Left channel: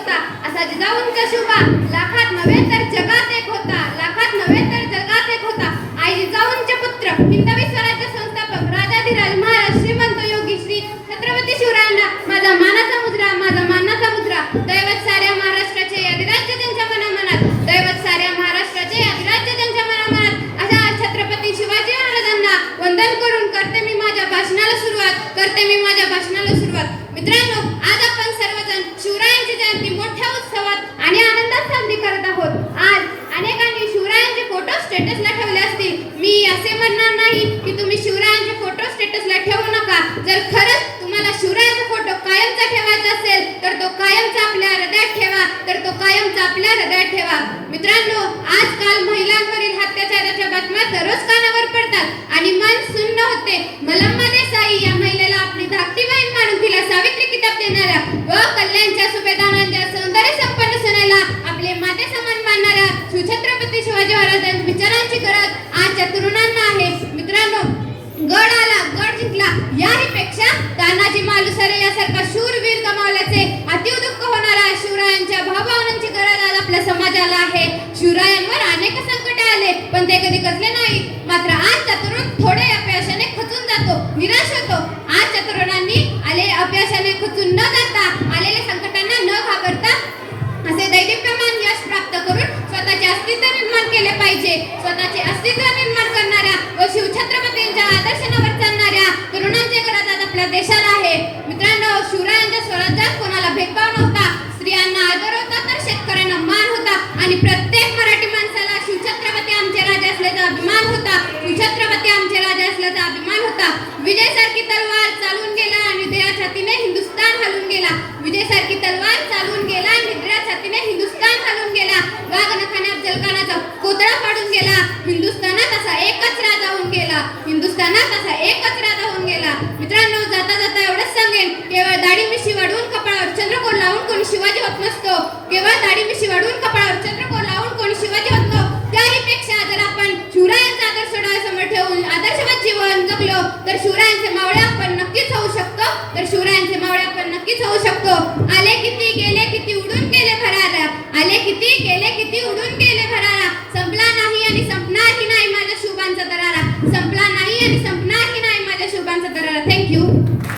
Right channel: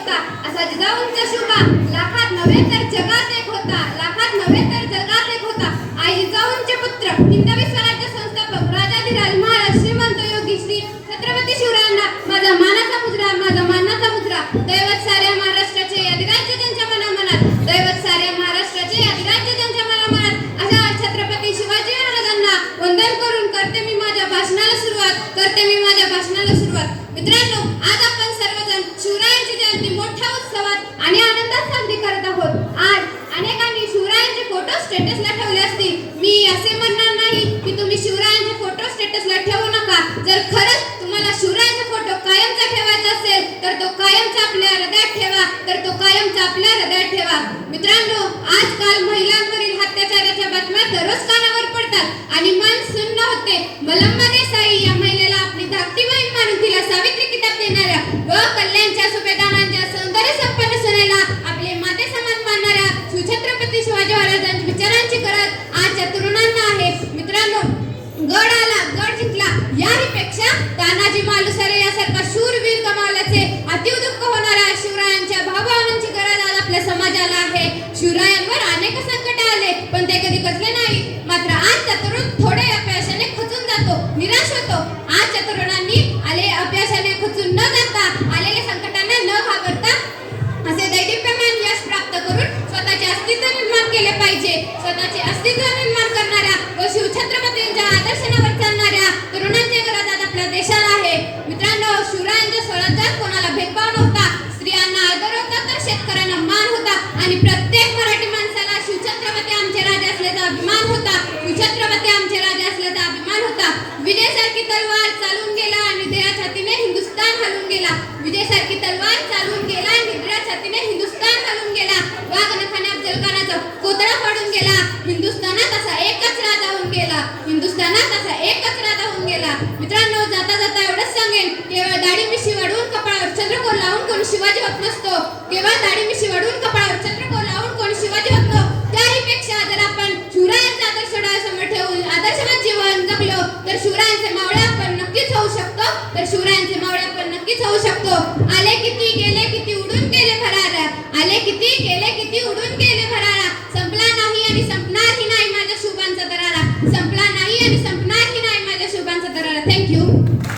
होता, असा जिजाऊंचा शुभा लाखात नव्हे तर जगात एक होता, लाखात नव्हे तर जगात एक होता. आई जिजाऊंचे पुत्र हिंदवी स्वराज्य संस्थापक राजाधिराज महाराज श्रीमंत योगी श्री छत्रपती शिवरायांना माझा मानाचा मुजरा, माझा मानाचा मुजरा. दैवत साऱ्या महाराष्ट्राचे अधिराज्य त्यांच्या मनामनात, दैवत साऱ्या महाराष्ट्राचे अधिराज्य त्यांच्या मनामनात. अशा छत्रपती शिवाजी महाराजांना वंदन करून करते मी माझ्या भाषणाला सुरुवात, करते मी माझ्या भाषणाला सुरुवात. मित्रांनो, आज आपण सर्वजण शिवरायांची जयंती मोठ्या उत्सवात आणि आनंदात साजरी करत आहोत. आज अनेकांनी शिवरायांचे फोटो स्टेटसला ठेवले असतील. मी असे म्हणणार नाही की तुम्ही शिवरायांचे फोटो स्टेटसला ठेवू नका. जर खरंच तुम्हाला शिवरायांचा फोटो कायमचा ठेवायचा असेल तर तो कायमचा आपल्या हृदयात ठेवा, तर तो कायमचा आपल्या हृदयात ठेवा. मित्रांनो, आजकाल महिलांवरील अत्याचाराच्या बातम्या दररोज कानावर पडतात आणि मन सुन्न होते. मलम्मा देसाई या महिलेला आपली धाकटी बहीण मानून तिला सावित्री किताब देणाऱ्या व कल्याणच्या सुभेदारांच्या सौंदर्य संपन्न सुनेला आपले माते समान मानणाऱ्या शिवछत्रपती शिवाजी महाराजांच्या विचारांची गरज आजच्या तरुणांना आहे. मित्रांनो, गड आला, गड जिंकला याहीपेक्षा तानाजी मालुसरे यासारखा शूरवीर गमावल्याचे अति दुःख होणाऱ्या शिवरायांच्या भावभावनांची गरज आज आपल्या समाजाला आहे. शिवरायांवर अनेक संकटे आले पण ते कधी खचले नाही. मात्र आजचा तरुण थोडे अपयशाने खचून जातो, निराश होतो. आजच्या तरुणांनी अपयशाने खचून न जाता, आलेल्या संकटांना न घाबरता असे दैदिप्यमान यश प्राप्त करून स्वतःचे अस्तित्व निर्माण केले पाहिजे. स्वतःचे अस्तित्व निर्माण करणाऱ्या व शिवछत्रपतींच्या आदर्शांवर चालणाऱ्या तरुणांची गरज आज आपल्या देशाला आहे. मित्रांनो, शिवरायांच्या स्वराज्यात कोणाला भेदभाव नव्हता, स्त्रियांना आदर होता तर शेतकऱ्यांना मान होता आणि प्रत्येक मराठी माणसाला शिवछत्रपती आमचे राजे असल्याचा अभिमान होता. शिवछत्रपती आमचे राजे असल्याचा अभिमान होता. विजयसारखी तलवार चालून गेला आणि दया छातीने हिंदुस्थान हलून गेला. विजयसारखी तलवार चालून गेला आणि दया छातीने हिंदुस्थान हलून गेला. वाघनखाने अफजलखानाचा कोतळा पाडून गेला. हिंदुस्थानात असा एकच राजा होऊन गेला. हिंदुस्थानात असा एकच राजा होऊन गेला. मित्रांनो, जाता जाता एवढंच सांगेन, केवळ दाढी मिशी वाढवून कपाळावर चंद्रकोर लावून कोणी शिवाजी होत नसतो. केवळ दाढी मिशी वाढवून कपाळावर